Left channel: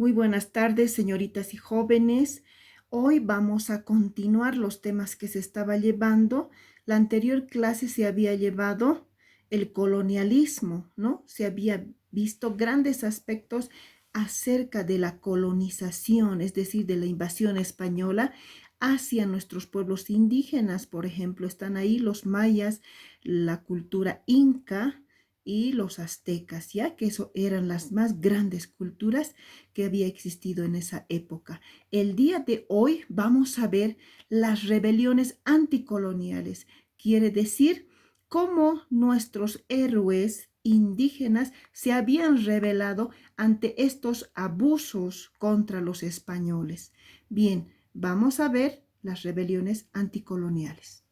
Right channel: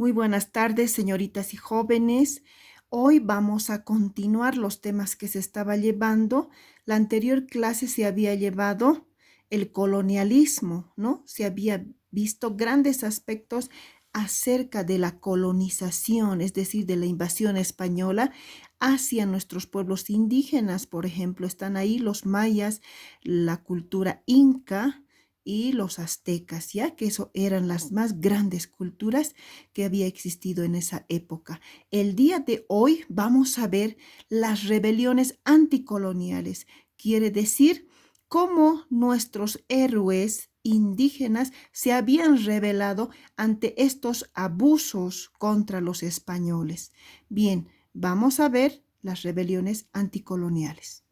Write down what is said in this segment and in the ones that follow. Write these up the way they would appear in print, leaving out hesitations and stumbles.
Muy buenas tardes, señoritas y jóvenes. Hoy vamos a continuar los temas que se estaba llevando. La anterior clase se había llevado el colonialismo, ¿no? Se había visto grandes aspectos acerca de la colonización, es decir, de la invasión española hacia nuestros pueblos indígenas. Por ejemplo, están ahí los mayas, la cultura inca y los aztecas, ya que eso eran las más grandes culturas que había existido en esa época. El día de hoy vamos a ver las rebeliones anticoloniales. Quiere decir cómo nuestros héroes indígenas se habían rebelado ante estos abusos contra los españoles. Bien, vamos a ver las rebeliones anticoloniales.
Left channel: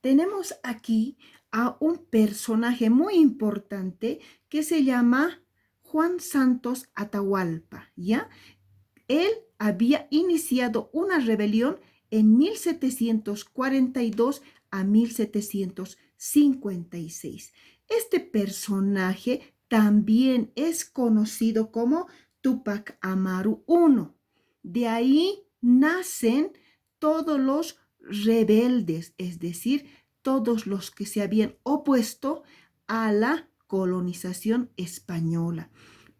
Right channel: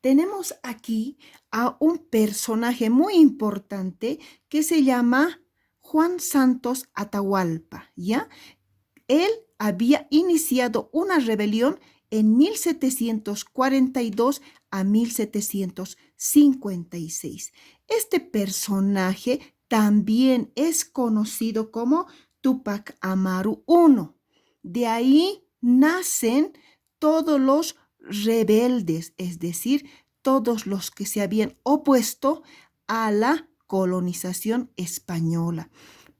Tenemos aquí a un personaje muy importante que se llama Juan Santos Atahualpa, ¿ya? Él había iniciado una rebelión en 1742 a 1756. Este personaje también es conocido como Tupac Amaru I. De ahí nacen todos los rebeldes, es decir, todos los que se habían opuesto a la colonización española.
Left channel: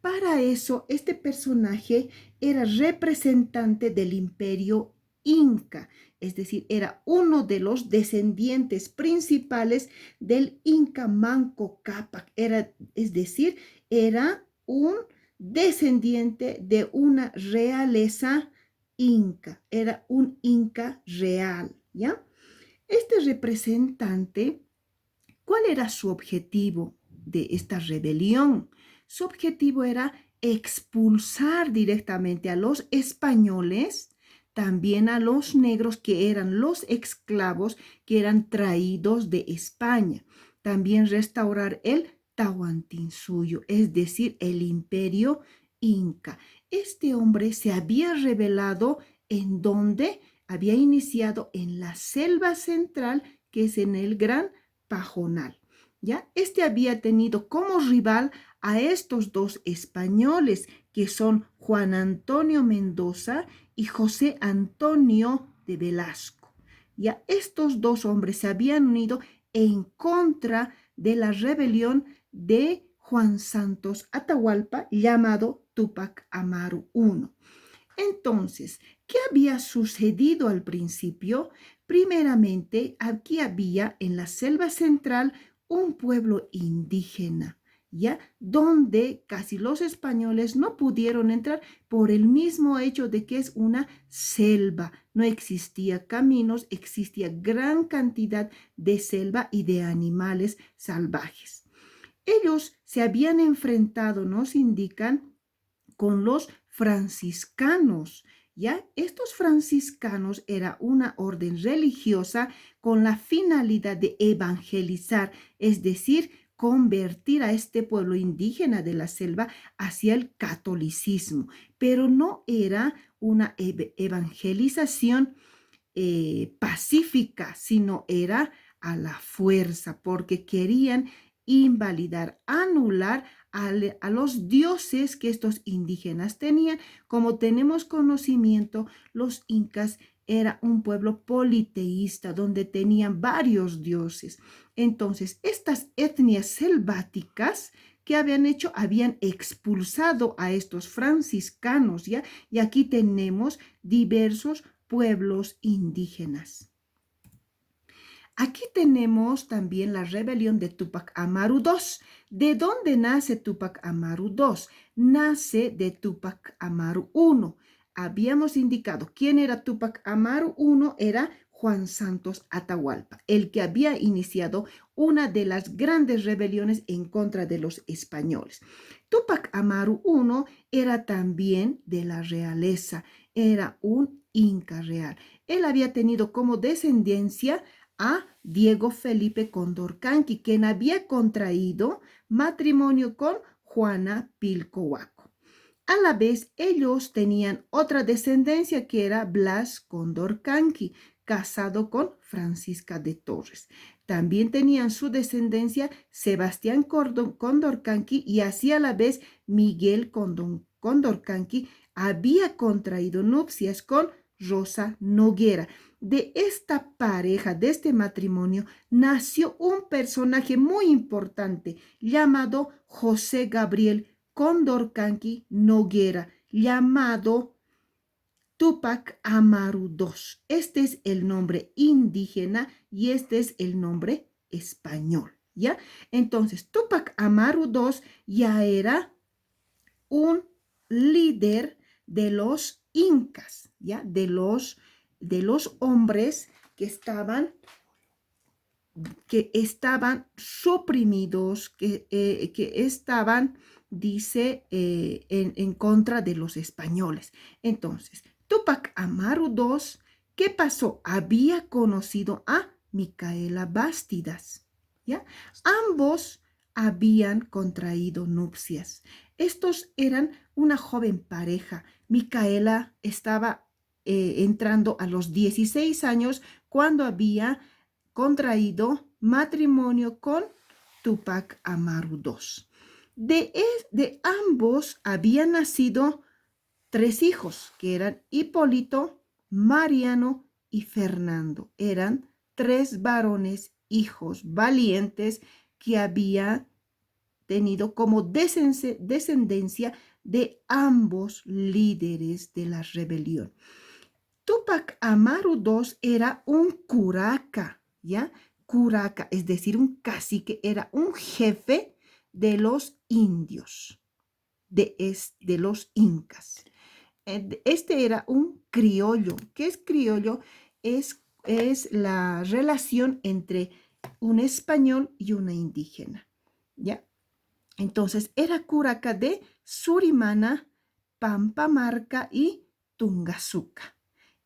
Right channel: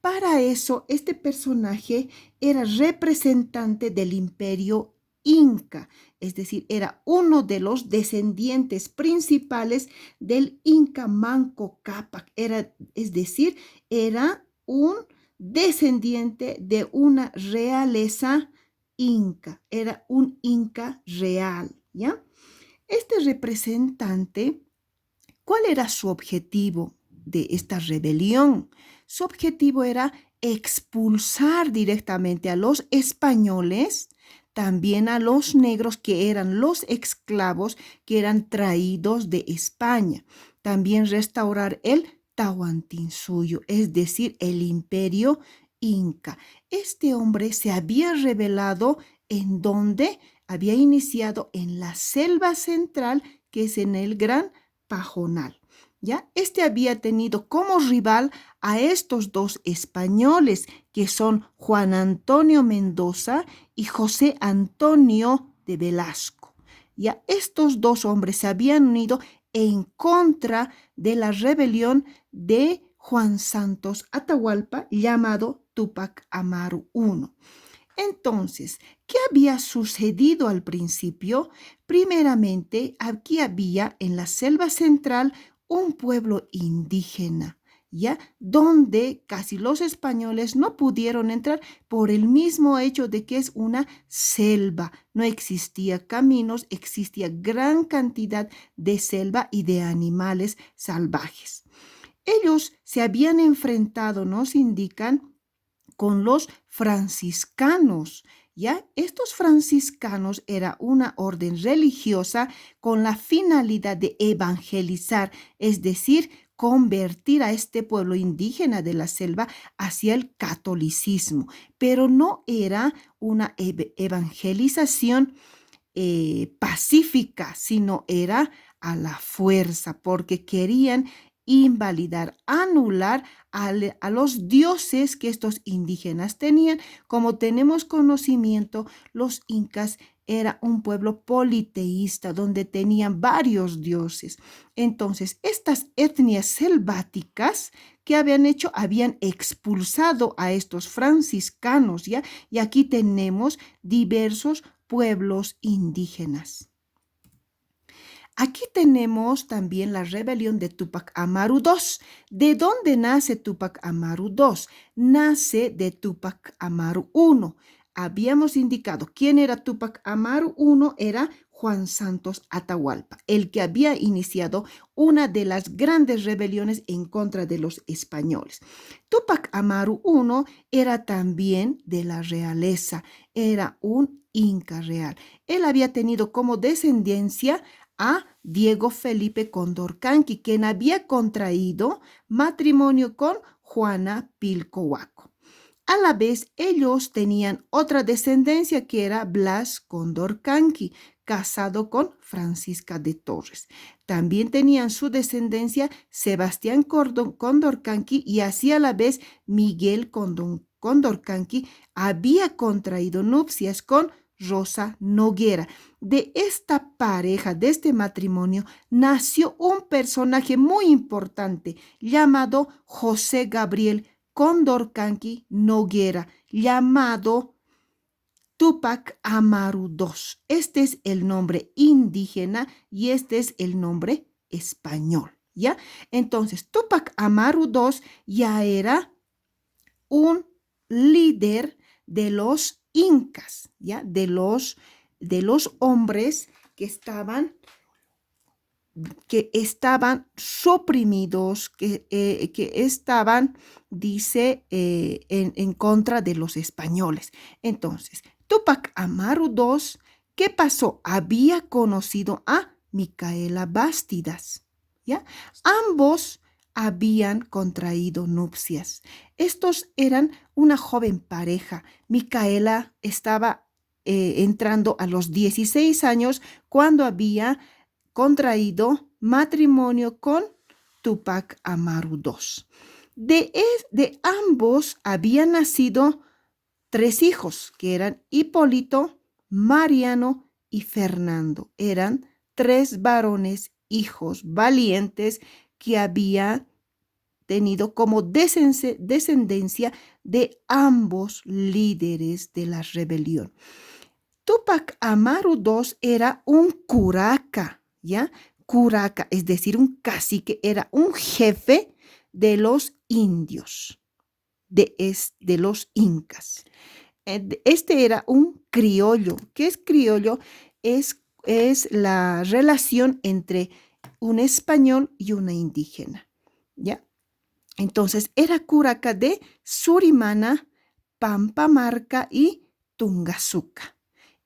Para eso, este personaje era representante del imperio inca, es decir, era uno de los descendientes principales del Inca Manco Cápac, es decir, era un descendiente de una realeza inca, era un inca real, ¿ya? Este representante, ¿cuál era su objetivo de esta rebelión? Su objetivo era expulsar directamente a los españoles, también a los negros que eran los esclavos que eran traídos de España. También restaurar el Tahuantinsuyo, es decir, el imperio inca. Este hombre se había rebelado en donde había iniciado en la selva central, que es en el Gran Pajonal. ¿Ya? Este había tenido como rival a estos dos españoles, que son Juan Antonio Mendoza y José Antonio de Velasco. Ya estos dos hombres se habían unido en contra de la rebelión de Juan Santos Atahualpa, llamado Tupac Amaru I. Entonces, ¿qué había sucedido al principio? Primeramente, aquí había en la selva central un pueblo indígena, ¿ya? Donde casi los españoles no pudieron entrar por el mismo hecho de que es una selva. No existía caminos, existía gran cantidad de selva y de animales salvajes. Ellos se habían enfrentado, nos indican, con los franciscanos. ¿Ya? Estos franciscanos era una orden religiosa con la finalidad de evangelizar, es decir, convertir a este pueblo indígena de la selva hacia el catolicismo, pero no era una evangelización pacífica, sino era a la fuerza, porque querían invalidar, anular a los dioses que estos indígenas tenían. Como tenemos conocimiento, los incas era un pueblo politeísta donde tenían varios dioses. Entonces, estas etnias selváticas que habían hecho, habían expulsado a estos franciscanos, ¿ya? Y aquí tenemos diversos pueblos indígenas. Aquí tenemos también la rebelión de Tupac Amaru II. ¿De dónde nace Tupac Amaru II? Nace de Tupac Amaru I. Habíamos indicado quién era Tupac Amaru I, era Juan Santos Atahualpa, el que había iniciado una de las grandes rebeliones en contra de los españoles. Tupac Amaru I era también de la realeza, era un inca real. Él había tenido como descendencia a Diego Felipe Condorcanqui, quien había contraído matrimonio con Juana Pilcohuaco. A la vez, ellos tenían otra descendencia que era Blas Condorcanqui, casado con Francisca de Torres. También tenían su descendencia Sebastián Condorcanqui y así a la vez Miguel Condorcanqui había contraído nupcias con Rosa Noguera. De esta pareja, de este matrimonio, nació un personaje muy importante llamado José Gabriel Condorcanqui Noguera, llamado Tupac Amaru II. Este es el nombre indígena y este es el nombre español, ¿ya? Entonces, Tupac Amaru II ya era un líder de los incas, ¿ya? De los hombres que estaban suprimidos, que estaban, dice, en contra de los españoles. Entonces, Tupac Amaru II, ¿qué pasó? Había conocido a Micaela Bastidas, ¿ya? Ambos habían contraído nupcias. Estos eran una joven pareja. Micaela estaba entrando a los 16 años cuando había contraído matrimonio con Tupac Amaru II. De ambos habían nacido 3 hijos, que eran Hipólito, Mariano y Fernando. Eran 3 varones, hijos valientes, que había tenido como descendencia de ambos líderes de la rebelión. Tupac Amaru II era un curaca, ¿ya? Curaca, es decir, un cacique, era un jefe de los indios, de los incas. Este era un criollo. ¿Qué es criollo? Es la relación entre un español y una indígena, ¿ya? Entonces, era curaca de Surimana, Pampamarca y Tungazuca.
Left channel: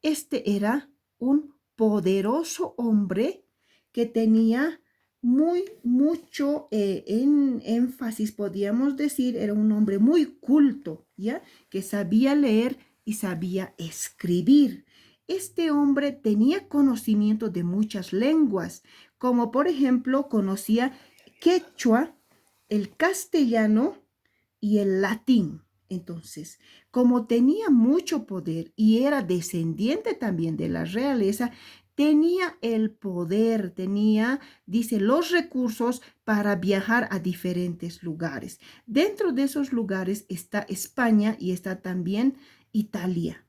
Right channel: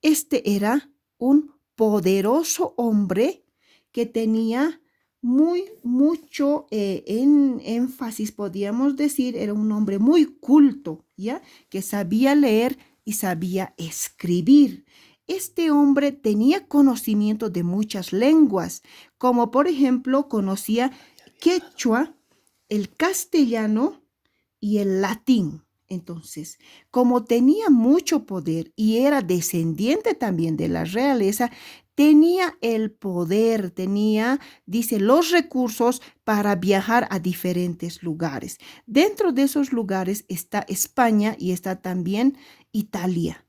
Este era un poderoso hombre que tenía mucho en énfasis, podríamos decir, era un hombre muy culto, ¿ya? Que sabía leer y sabía escribir. Este hombre tenía conocimiento de muchas lenguas, como por ejemplo conocía quechua, el castellano y el latín. Entonces, como tenía mucho poder y era descendiente también de la realeza, tenía el poder, dice, los recursos para viajar a diferentes lugares. Dentro de esos lugares está España y está también Italia.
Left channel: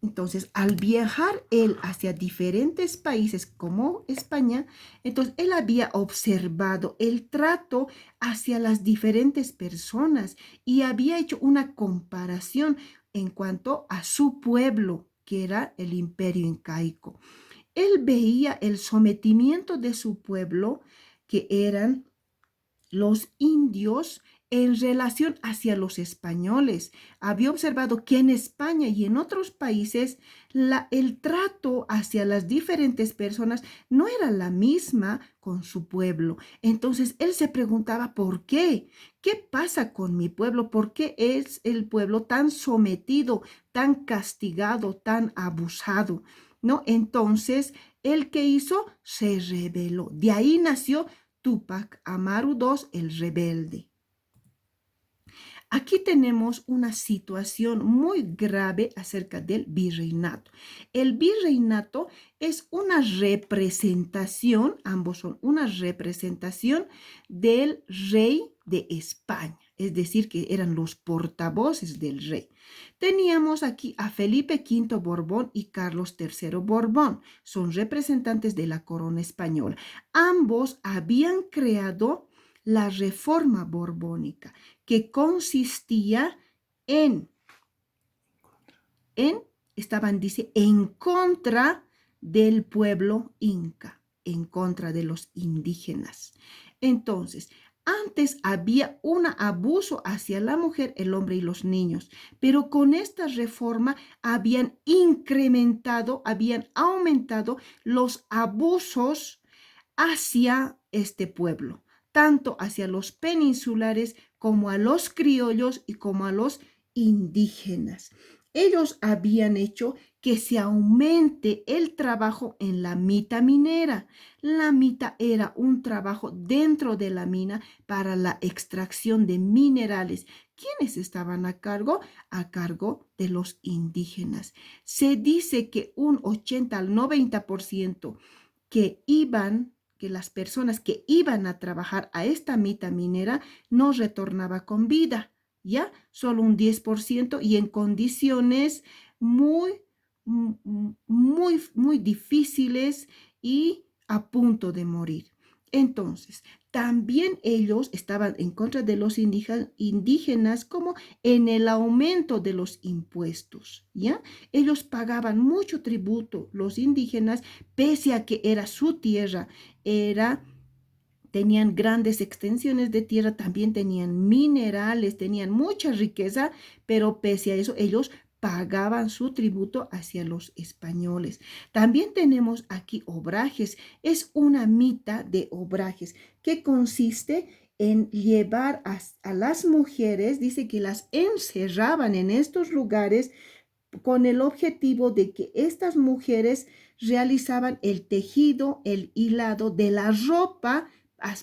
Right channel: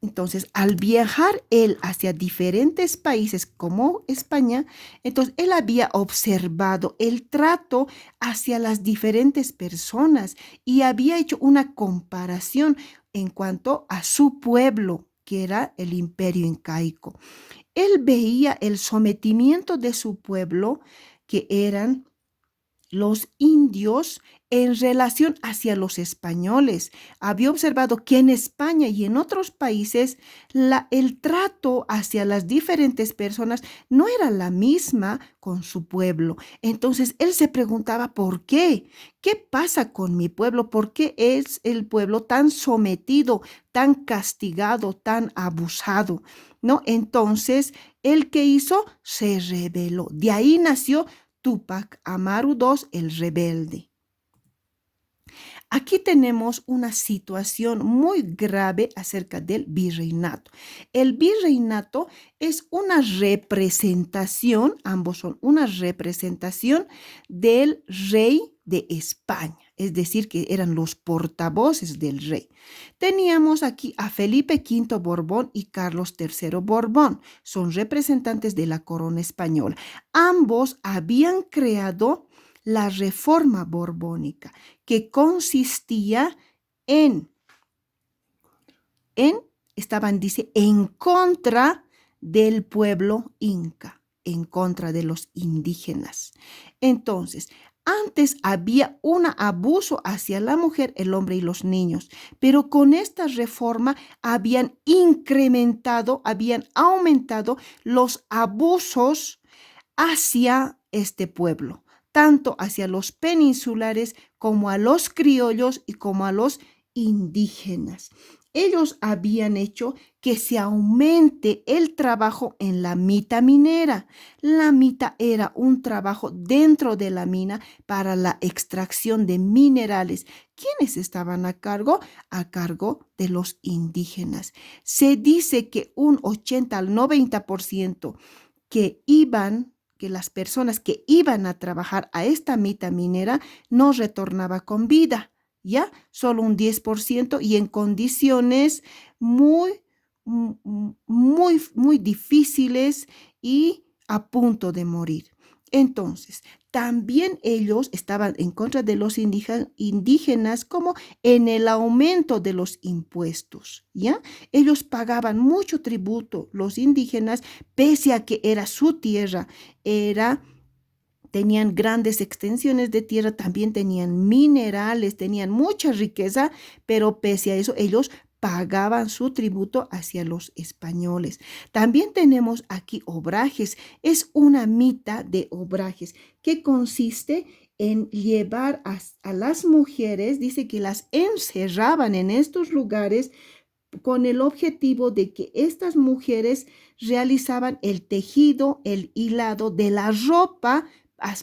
Entonces, al viajar él hacia diferentes países como España, entonces él había observado el trato hacia las diferentes personas y había hecho una comparación en cuanto a su pueblo, que era el imperio incaico. Él veía el sometimiento de su pueblo, que eran los indios, en relación hacia los españoles. Había observado que en España y en otros países el trato hacia las diferentes personas no era la misma con su pueblo. Entonces él se preguntaba, ¿por qué? ¿Qué pasa con mi pueblo? ¿Por qué es el pueblo tan sometido, tan castigado, tan abusado? ¿No? Entonces, ¿el que hizo? Se rebeló. De ahí nació Tupac Amaru II, el rebelde. Aquí tenemos una situación muy grave acerca del virreinato. El virreinato es una representación, ambos son una representación del rey de España, es decir, que eran los portavoces del rey. Teníamos aquí a Felipe V Borbón y Carlos III Borbón, son representantes de la corona española. Ambos habían creado la reforma borbónica, que consistía en, dice, en contra del pueblo inca, en contra de los indígenas. Entonces, antes había un abuso hacia la mujer, el hombre y los niños, pero con esta reforma habían aumentado los abusos hacia este pueblo, tanto hacia los peninsulares como a los criollos y como a los indígenas. Ellos habían hecho que se aumente el trabajo en la mita minera. La mita era un trabajo dentro de la mina para la extracción de minerales ¿Quiénes estaban a cargo? A cargo de los indígenas. Se dice que un 80 al 90% que las personas que iban a trabajar a esta mita minera no retornaba con vida, ¿ya? Solo un 10% y en condiciones muy, muy difíciles y a punto de morir. Entonces, también ellos estaban en contra de los indígenas como en el aumento de los impuestos, ¿ya? Ellos pagaban mucho tributo, los indígenas, pese a que era su tierra, tenían grandes extensiones de tierra, también tenían minerales, tenían mucha riqueza, pero pese a eso ellos pagaban su tributo hacia los españoles. También tenemos aquí obrajes. Es una mita de obrajes que consiste en llevar a las mujeres, dice que las encerraban en estos lugares con el objetivo de que estas mujeres realizaban el tejido, el hilado de la ropa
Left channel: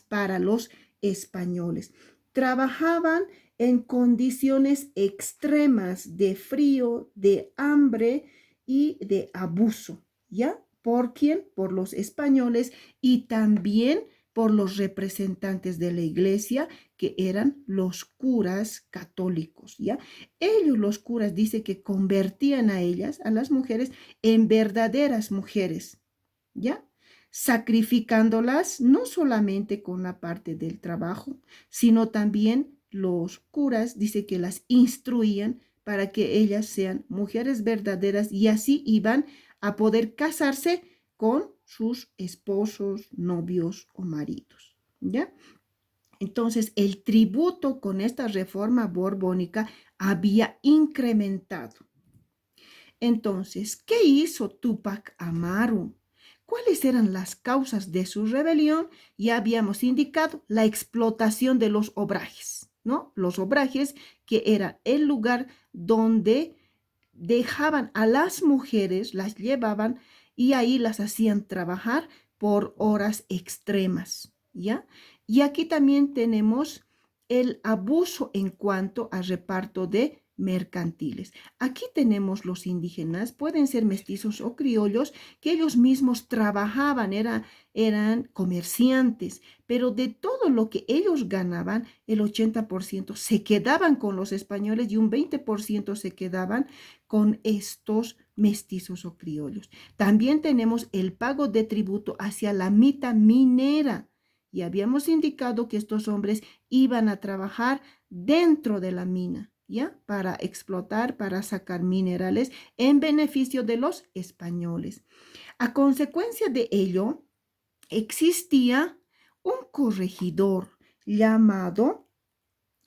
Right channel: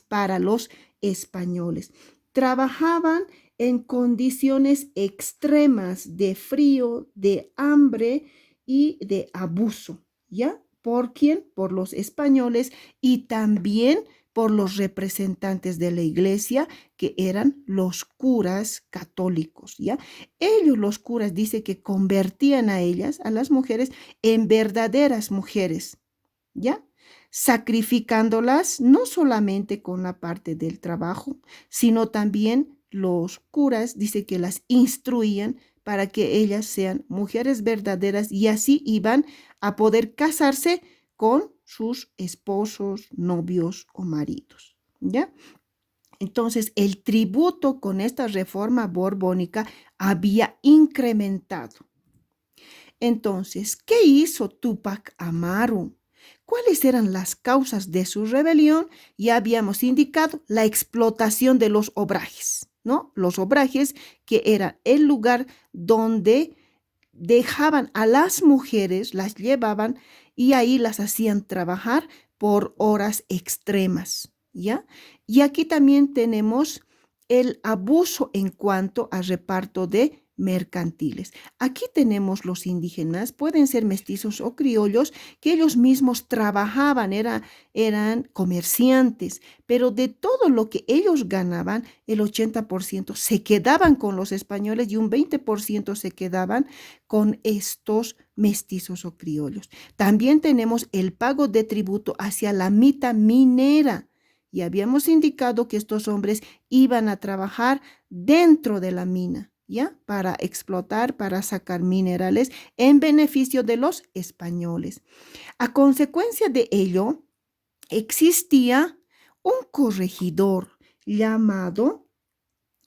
para los españoles. Trabajaban en condiciones extremas de frío, de hambre y de abuso, ¿ya? ¿Por quién? Por los españoles y también por los representantes de la iglesia, que eran los curas católicos, ¿ya? Ellos, los curas, dice que convertían a ellas, a las mujeres, en verdaderas mujeres, ¿ya? Sacrificándolas no solamente con la parte del trabajo, sino también los curas, dice que las instruían para que ellas sean mujeres verdaderas y así iban a poder casarse con sus esposos, novios o maridos, ¿ya? Entonces, el tributo con esta reforma borbónica había incrementado. Entonces, ¿qué hizo Túpac Amaru? ¿Cuáles eran las causas de su rebelión? Ya habíamos indicado la explotación de los obrajes, ¿no? Los obrajes que era el lugar donde dejaban a las mujeres, las llevaban y ahí las hacían trabajar por horas extremas, ¿ya? Y aquí también tenemos el abuso en cuanto al reparto de mercantiles. Aquí tenemos los indígenas, pueden ser mestizos o criollos, que ellos mismos trabajaban, eran comerciantes, pero de todo lo que ellos ganaban, el 80% se quedaban con los españoles y un 20% se quedaban con estos mestizos o criollos. También tenemos el pago de tributo hacia la mita minera. Y habíamos indicado que estos hombres iban a trabajar dentro de la mina, ¿ya? Para explotar, para sacar minerales en beneficio de los españoles. A consecuencia de ello, existía un corregidor llamado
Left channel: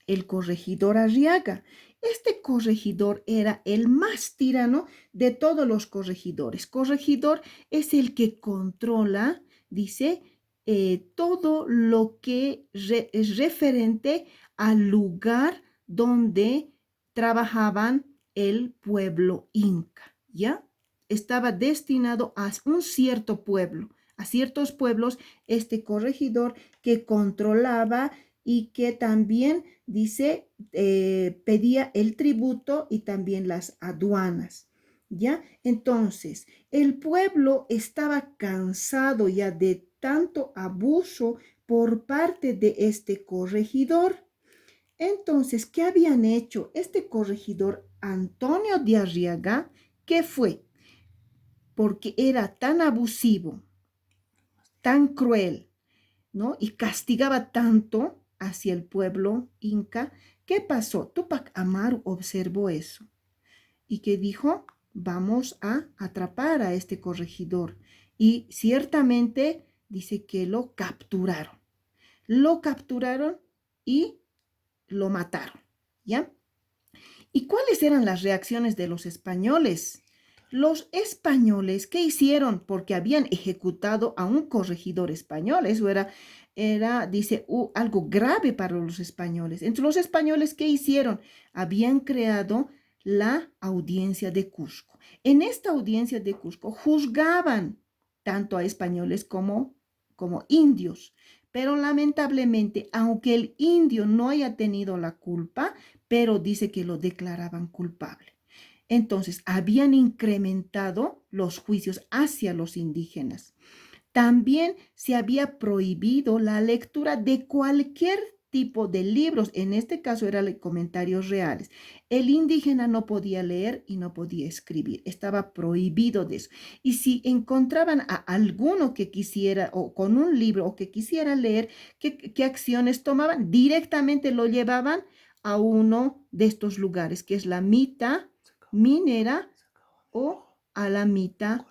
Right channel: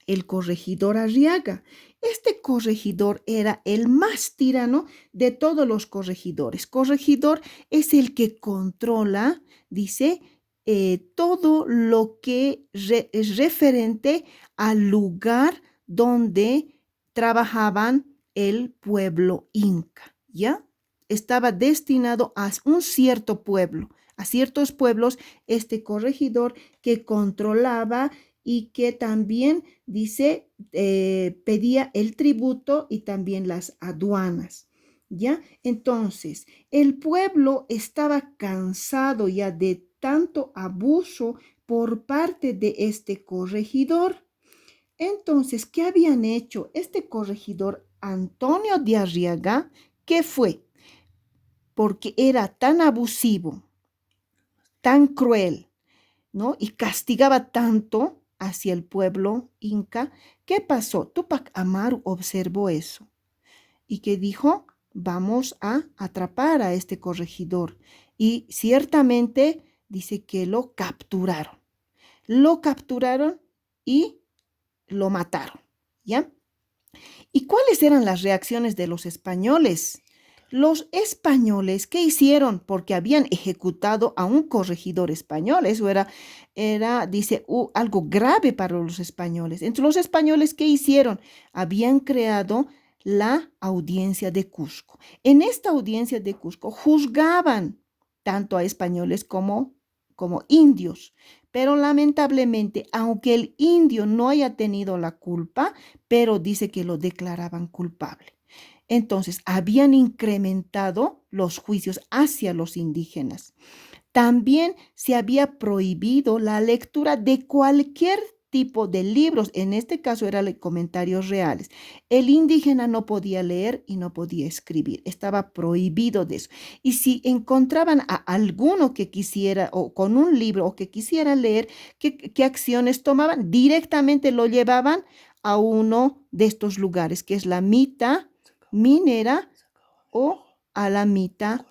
el corregidor Arriaga. Este corregidor era el más tirano de todos los corregidores. Corregidor es el que controla, dice, todo lo que es referente al lugar donde trabajaban el pueblo inca, ¿ya? Estaba destinado a un cierto pueblo, a ciertos pueblos, este corregidor que controlaba y que también, dice, pedía el tributo y también las aduanas, ¿ya? Entonces, el pueblo estaba cansado ya de tanto abuso por parte de este corregidor. Entonces, ¿qué habían hecho? Este corregidor Antonio de Arriaga, ¿qué fue? Porque era tan abusivo, tan cruel, ¿no? Y castigaba tanto hacia el pueblo inca. ¿Qué pasó? Túpac Amaru observó eso y que dijo, vamos a atrapar a este corregidor. Y ciertamente dice que lo capturaron. Lo capturaron y lo mataron, ¿ya? ¿Y cuáles eran las reacciones de los españoles? Los españoles, ¿qué hicieron? Porque habían ejecutado a un corregidor español. Eso dice, algo grave para los españoles. Entre los españoles, ¿qué hicieron? Habían creado la audiencia de Cusco. En esta audiencia de Cusco juzgaban tanto a españoles como indios, Pero lamentablemente, aunque el indio no haya tenido la culpa, pero dice que lo declaraban culpable. Entonces, habían incrementado los juicios hacia los indígenas. También se había prohibido la lectura de cualquier tipo de libros, en este caso eran comentarios reales. El indígena no podía leer y no podía escribir, estaba prohibido de eso. Y si encontraban a alguno que quisiera, o con un libro, o que quisiera leer, ¿qué acciones tomaban? Directamente lo llevaban a uno de estos lugares, que es la mita minera o a la mita,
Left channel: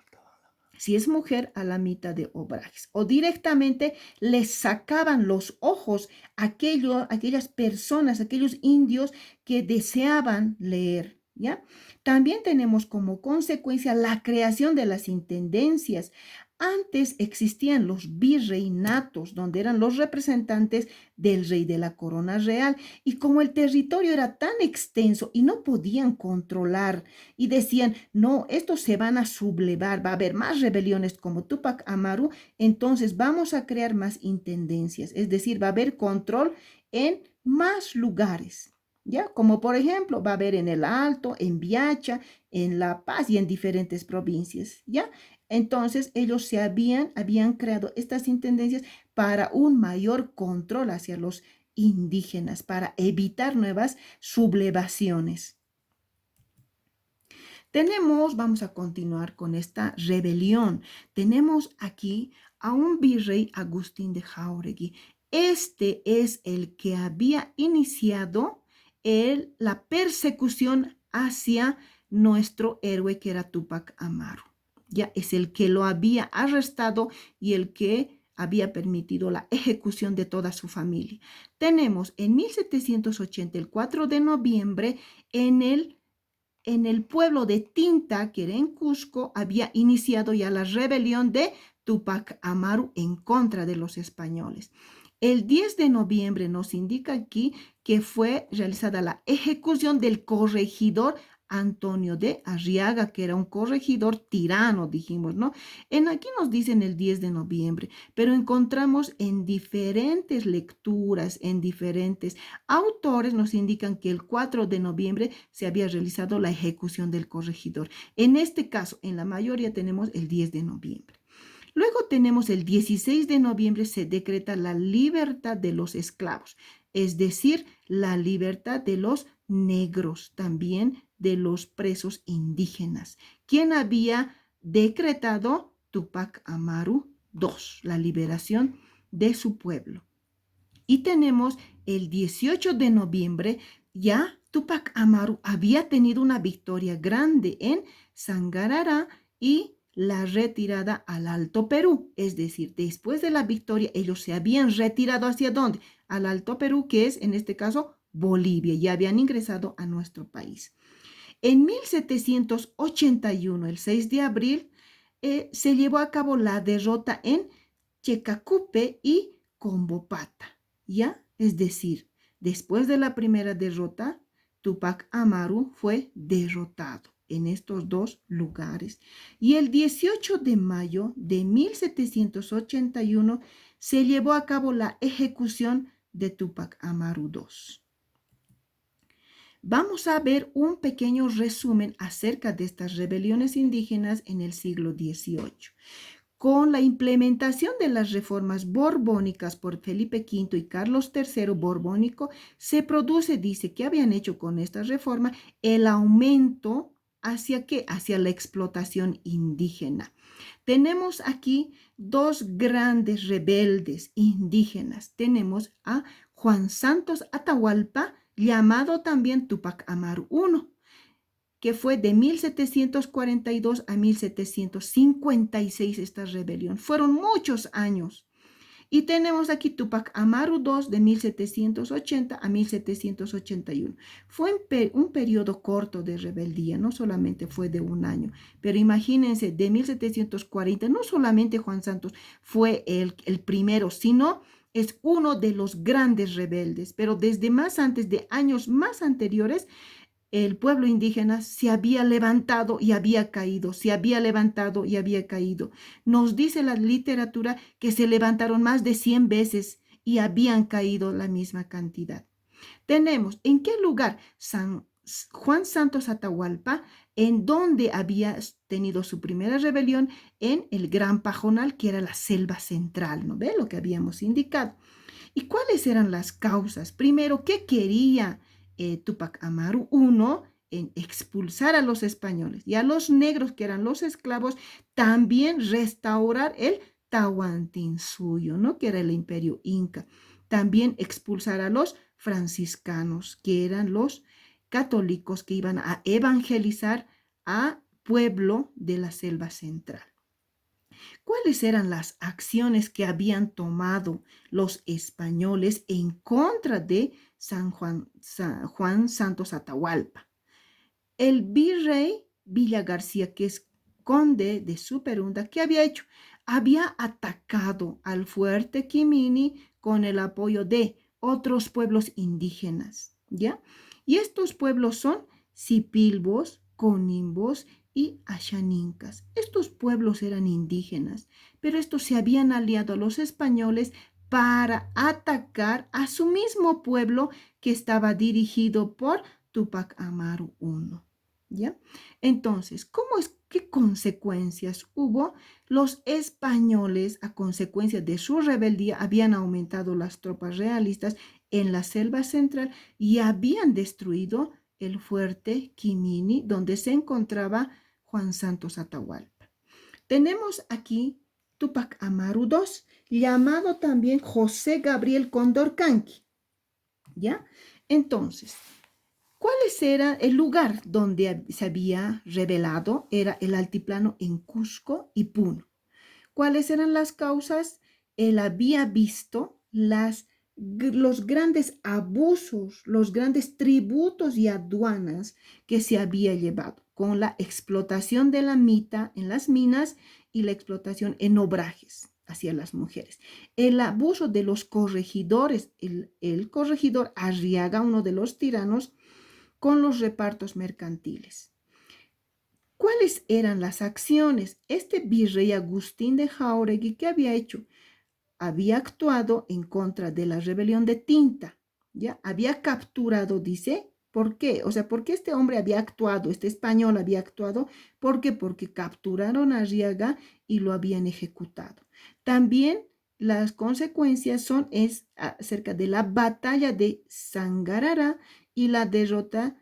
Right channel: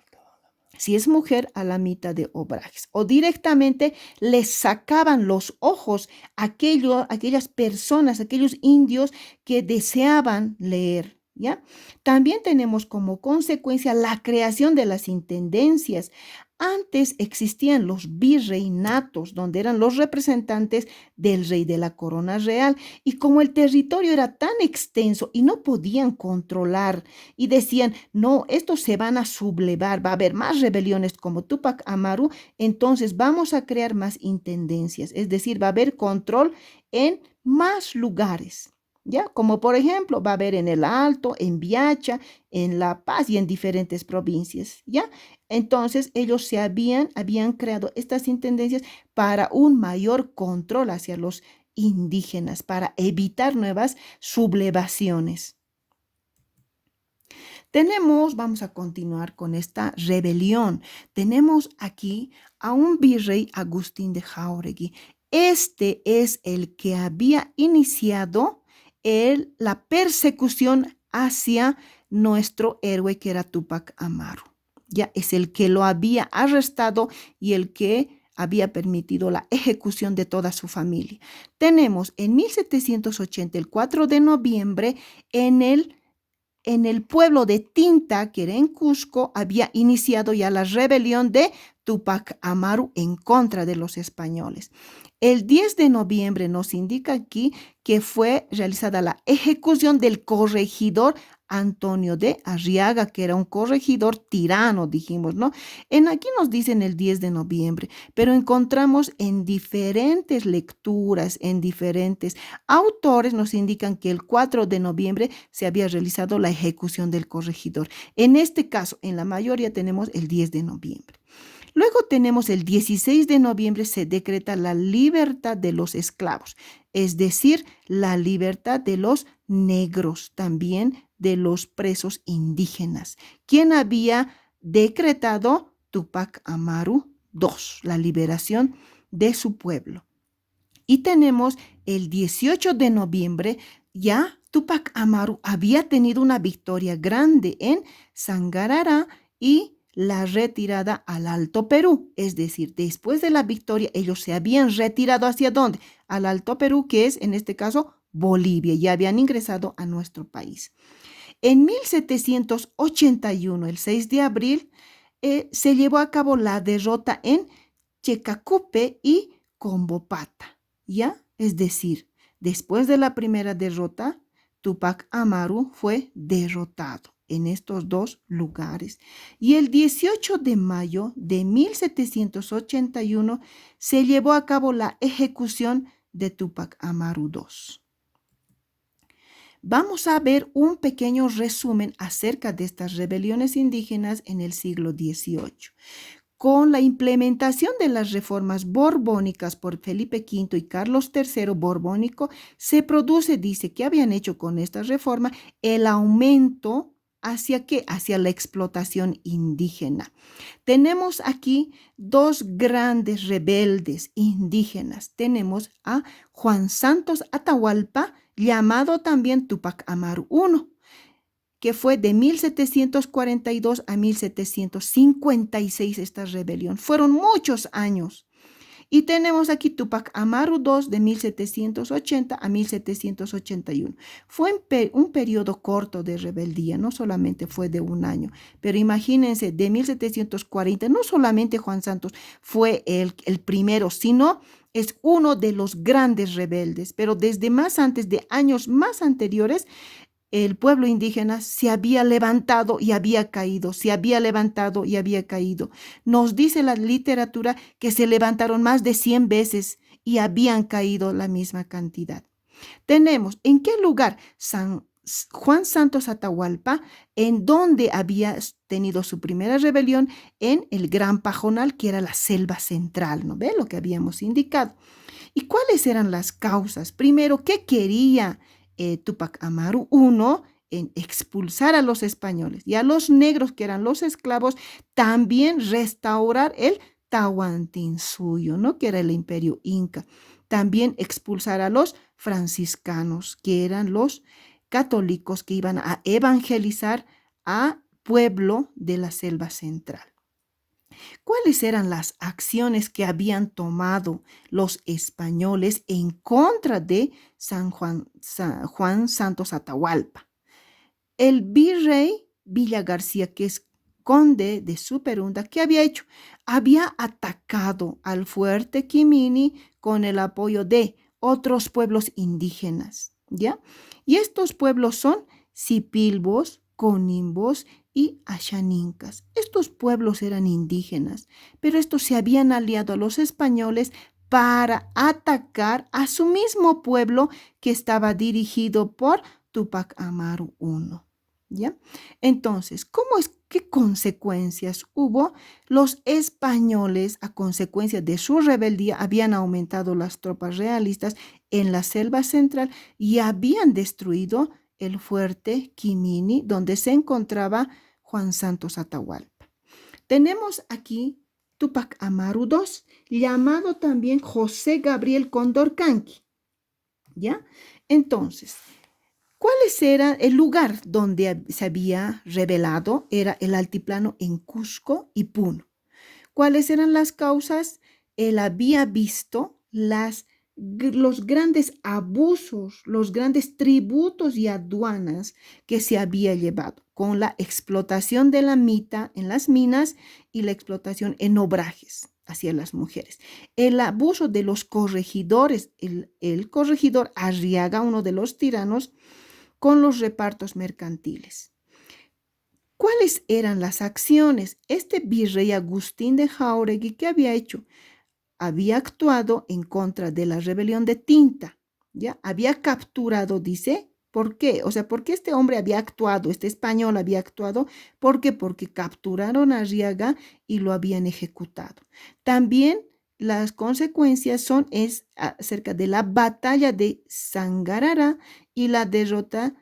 si es mujer, a la mitad de obrajes. O directamente les sacaban los ojos a aquellas personas, aquellos indios que deseaban leer. ¿Ya? También tenemos como consecuencia la creación de las intendencias. Antes existían los virreinatos, donde eran los representantes del rey de la corona real. Y como el territorio era tan extenso y no podían controlar, y decían, no, estos se van a sublevar, va a haber más rebeliones como Tupac Amaru, entonces vamos a crear más intendencias, es decir, va a haber control en más lugares. ¿Ya? Como por ejemplo, va a haber en el Alto, en Viacha, en La Paz y en diferentes provincias. ¿Ya? Entonces, ellos habían creado estas intendencias para un mayor control hacia los indígenas, para evitar nuevas sublevaciones. Vamos a continuar con esta rebelión. Tenemos aquí a un virrey Agustín de Jáuregui. Este es el que había iniciado la persecución hacia nuestro héroe que era Tupac Amaru. Ya es el que lo había arrestado y el que había permitido la ejecución de toda su familia. Tenemos en 1780, el 4 de noviembre, en el pueblo de Tinta, que era en Cusco, había iniciado ya la rebelión de Tupac Amaru en contra de los españoles. El 10 de noviembre nos indica aquí que fue realizada la ejecución del corregidor Antonio de Arriaga, que era un corregidor tirano, dijimos, ¿no? Aquí nos dicen el 10 de noviembre, pero encontramos en diferentes lecturas, en diferentes autores, nos indican que el 4 de noviembre se había realizado la ejecución del corregidor. En este caso, en la mayoría tenemos el 10 de noviembre. Luego tenemos el 16 de noviembre, se decreta la libertad de los esclavos, es decir, la libertad de los negros, también de los presos indígenas. ¿Quién había decretado? Tupac Amaru II, la liberación de su pueblo. Y tenemos el 18 de noviembre, ya Tupac Amaru había tenido una victoria grande en Sangarará y la retirada al Alto Perú. Es decir, después de la victoria, ellos se habían retirado ¿hacia dónde? Al Alto Perú, que es en este caso Bolivia. Ya habían ingresado a nuestro país. En 1781, el 6 de abril, se llevó a cabo la derrota en Checacupe y Combopata. ¿Ya? Es decir, después de la primera derrota, Tupac Amaru fue derrotado en estos dos lugares. Y el 18 de mayo de 1781 se llevó a cabo la ejecución de Tupac Amaru II. Vamos a ver un pequeño resumen acerca de estas rebeliones indígenas en el siglo XVIII. Con la implementación de las reformas borbónicas por Felipe V y Carlos III Borbónico, se produce, dice, que habían hecho con esta reforma el aumento hacia qué? Hacia la explotación indígena. Tenemos aquí dos grandes rebeldes indígenas. Tenemos a Juan Santos Atahualpa, llamado también Tupac Amaru I, que fue de 1742 a 1756 esta rebelión. Fueron muchos años. Y tenemos aquí Tupac Amaru II de 1780 a 1781. Fue un periodo corto de rebeldía, no solamente fue de un año, pero imagínense, de 1740, no solamente Juan Santos fue el primero, sino es uno de los grandes rebeldes, pero desde más antes, de años más anteriores, el pueblo indígena se había levantado y había caído, se había levantado y había caído. Nos dice la literatura que se levantaron más de 100 veces y habían caído la misma cantidad. Tenemos, ¿en qué lugar? San Juan Santos Atahualpa, en donde había tenido su primera rebelión, en el Gran Pajonal, que era la selva central, ¿no ve? Lo que habíamos indicado. ¿Y cuáles eran las causas? Primero, ¿qué quería Tupac Amaru? Uno, en expulsar a los españoles y a los negros, que eran los esclavos, también restaurar el Tahuantinsuyo, ¿no? Que era el imperio inca. También expulsar a los franciscanos, que eran los católicos que iban a evangelizar a pueblo de la selva central. ¿Cuáles eran las acciones que habían tomado los españoles en contra de Juan Santos Atahualpa? El virrey Villa García, que es conde de Superunda, ¿qué había hecho? Había atacado al fuerte Quimini con el apoyo de otros pueblos indígenas, ¿ya? Y estos pueblos son Sipilbos, Conimbos y Ashanincas. Estos pueblos eran indígenas, pero estos se habían aliado a los españoles para atacar a su mismo pueblo que estaba dirigido por Tupac Amaru I. ¿Ya? Entonces, qué consecuencias hubo? Los españoles, a consecuencia de su rebeldía, habían aumentado las tropas realistas en la selva central y habían destruido el fuerte Quimini, donde se encontraba Juan Santos Atahualpa. Tenemos aquí Tupac Amaru II, llamado también José Gabriel Condorcanqui, ¿ya? Entonces, ¿cuál era el lugar donde se había rebelado? Era el altiplano en Cusco y Puno. ¿Cuáles eran las causas? Él había visto los grandes abusos, los grandes tributos y aduanas que se había llevado con la explotación de la mita en las minas y la explotación en obrajes hacia las mujeres. El abuso de los corregidores, el corregidor Arriaga, uno de los tiranos, con los repartos mercantiles. ¿Cuáles eran las acciones? Este virrey Agustín de Jáuregui, ¿qué había hecho? Había actuado en contra de la rebelión de Tinta, ¿ya? Había capturado, dice, ¿por qué? O sea, ¿por qué este hombre había actuado, este español había actuado? ¿Por qué? Porque capturaron a Arriaga y lo habían ejecutado. También las consecuencias son acerca de la batalla de Sangarara y la derrota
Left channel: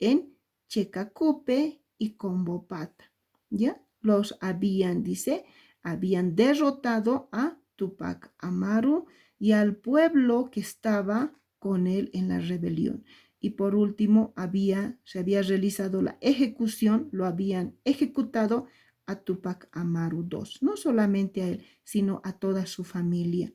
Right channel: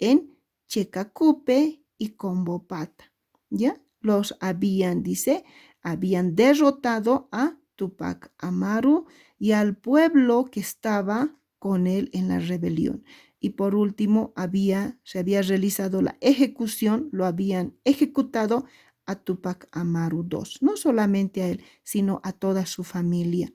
en Checacupe y Combopata, ¿ya? Los habían, dice, habían derrotado a Tupac Amaru y al pueblo que estaba con él en la rebelión. Y por último, se había realizado la ejecución, lo habían ejecutado a Tupac Amaru II, no solamente a él, sino a toda su familia.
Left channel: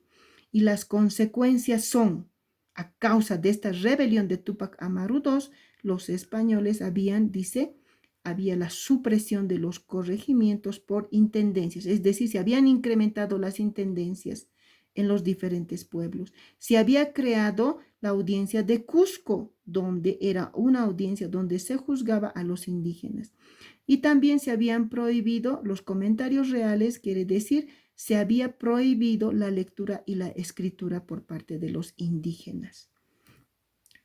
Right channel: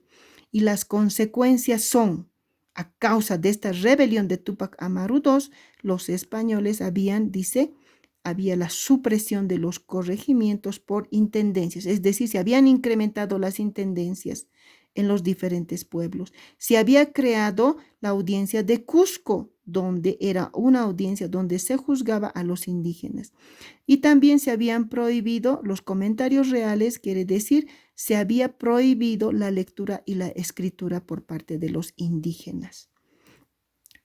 Y las consecuencias son, a causa de esta rebelión de Tupac Amaru II, los españoles había la supresión de los corregimientos por intendencias, es decir, se habían incrementado las intendencias en los diferentes pueblos. Se había creado la audiencia de Cusco, donde era una audiencia donde se juzgaba a los indígenas. Y también se habían prohibido los comentarios reales, quiere decir, se había prohibido la lectura y la escritura por parte de los indígenas.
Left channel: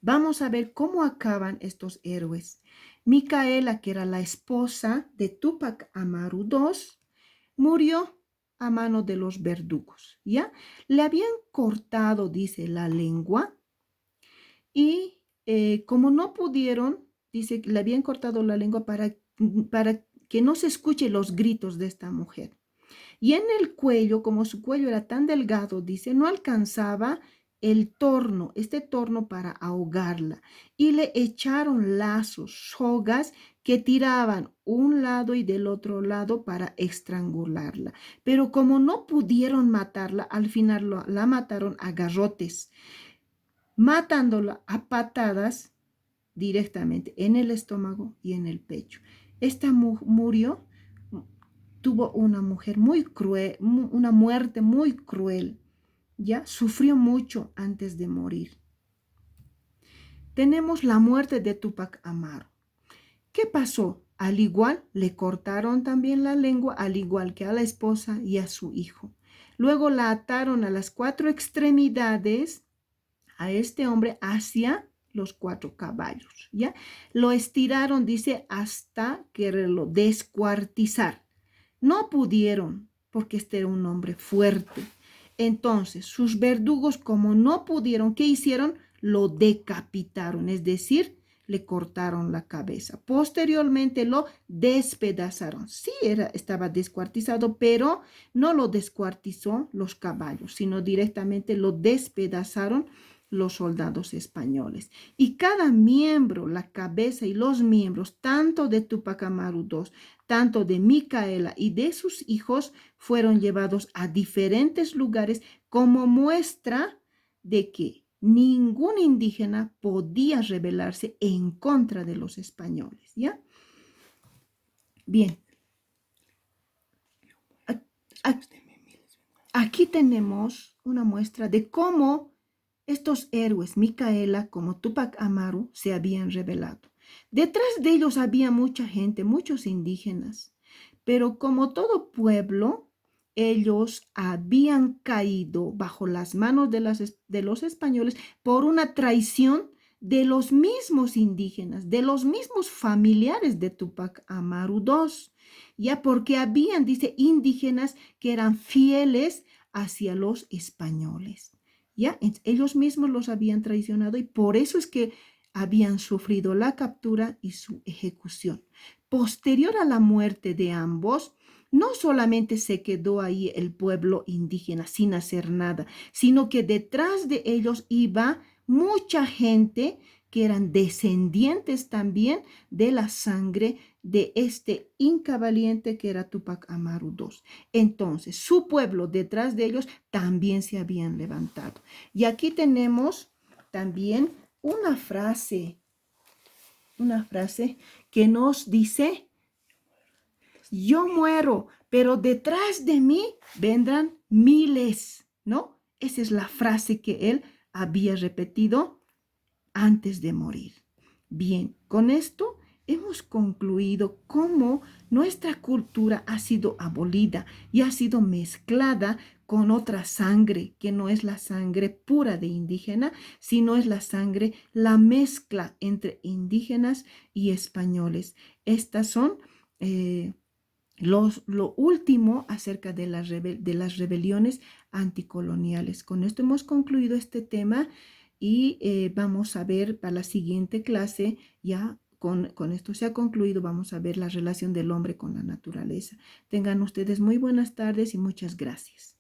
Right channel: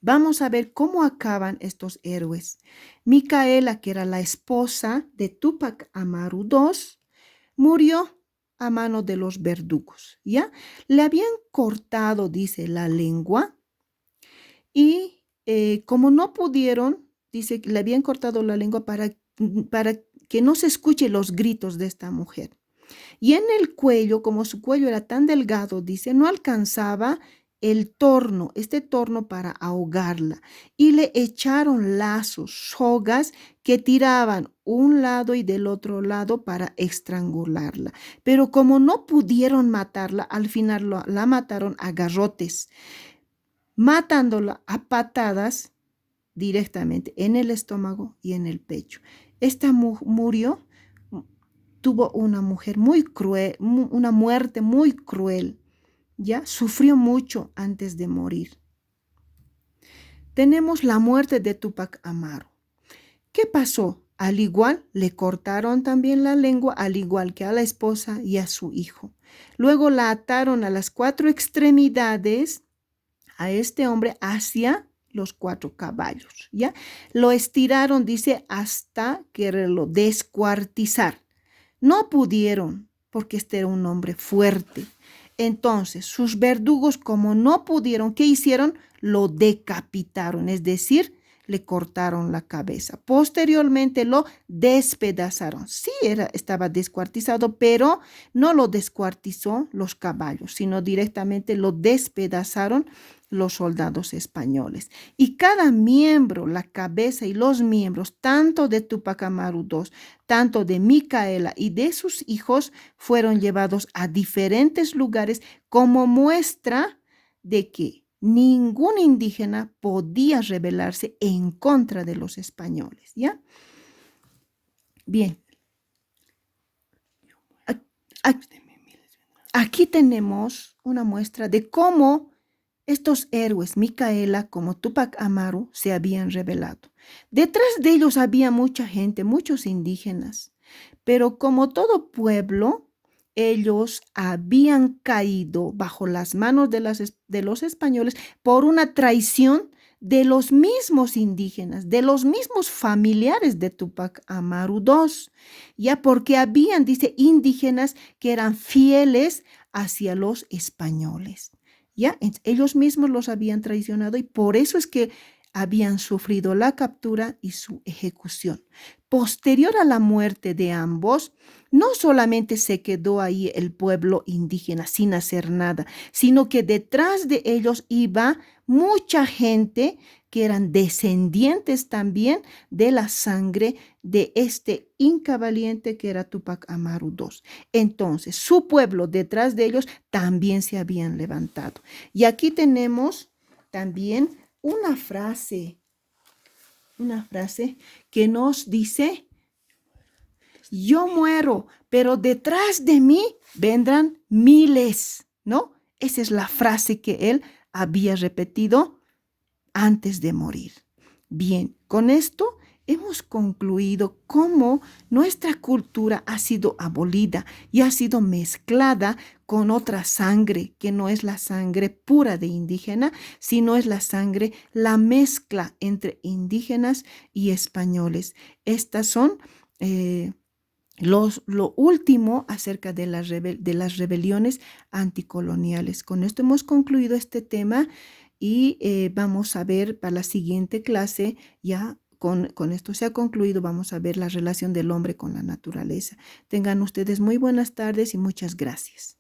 Vamos a ver cómo acaban estos héroes. Micaela, que era la esposa de Tupac Amaru II, murió a mano de los verdugos, ¿ya? Le habían cortado, dice, la lengua y como no pudieron, dice, le habían cortado la lengua para que no se escuchen los gritos de esta mujer. Y en el cuello, como su cuello era tan delgado, dice, no alcanzaba este torno para ahogarla. Y le echaron lazos, sogas que tiraban un lado y del otro lado para estrangularla. Pero como no pudieron matarla, al final la mataron a garrotes, matándola a patadas directamente en el estómago y en el pecho. Esta murió, tuvo una mujer muy cruel, una muerte muy cruel, ya sufrió mucho antes de morir. tenemos la muerte de Tupac Amaru. ¿Qué pasó? Al igual, le cortaron también la lengua, al igual que a la esposa y a su hijo. Luego la ataron a las 4 extremidades a este hombre hacia los 4 caballos, ¿ya? Lo estiraron, dice, hasta quererlo descuartizar. No pudieron, porque este era un hombre fuerte. Entonces, sus verdugos, como no pudieron, ¿qué hicieron? Lo decapitaron, es decir, le cortaron la cabeza. Posteriormente lo despedazaron. Sí, estaba descuartizado, pero no lo descuartizó los caballos, sino directamente lo despedazaron los soldados españoles. Y cada miembro, la cabeza y los miembros, tanto de Tupac Amaru II, tanto de Micaela y de sus hijos, fueron llevados a diferentes lugares como muestra de que ningún indígena podía rebelarse en contra de los españoles, ¿ya? Bien. Aquí tenemos una muestra de cómo estos héroes, Micaela como Tupac Amaru, se habían rebelado. Detrás de ellos había mucha gente, muchos indígenas, pero como todo pueblo, ellos habían caído bajo las manos de los españoles por una traición de los mismos indígenas, de los mismos familiares de Tupac Amaru II, ya porque habían, dice, indígenas que eran fieles hacia los españoles. Ya, ellos mismos los habían traicionado y por eso es que habían sufrido la captura y su ejecución. Posterior a la muerte de ambos, no solamente se quedó ahí el pueblo indígena sin hacer nada, sino que detrás de ellos iba mucha gente que eran descendientes también de la sangre de este inca valiente que era Tupac Amaru II. Entonces, su pueblo detrás de ellos también se habían levantado. Y aquí tenemos también una frase que nos dice, yo muero, pero detrás de mí vendrán miles, ¿no? Esa es la frase que él había repetido antes de morir. Bien, con esto hemos concluido cómo nuestra cultura ha sido abolida y ha sido mezclada con otra sangre, que no es la sangre pura de indígena, sino es la sangre, la mezcla entre indígenas y españoles. Estas son lo último acerca de de las rebeliones anticoloniales. Con esto hemos concluido este tema y vamos a ver para la siguiente clase, ya con esto se ha concluido, vamos a ver la relación del hombre con la naturaleza. Tengan ustedes muy buenas tardes y muchas gracias.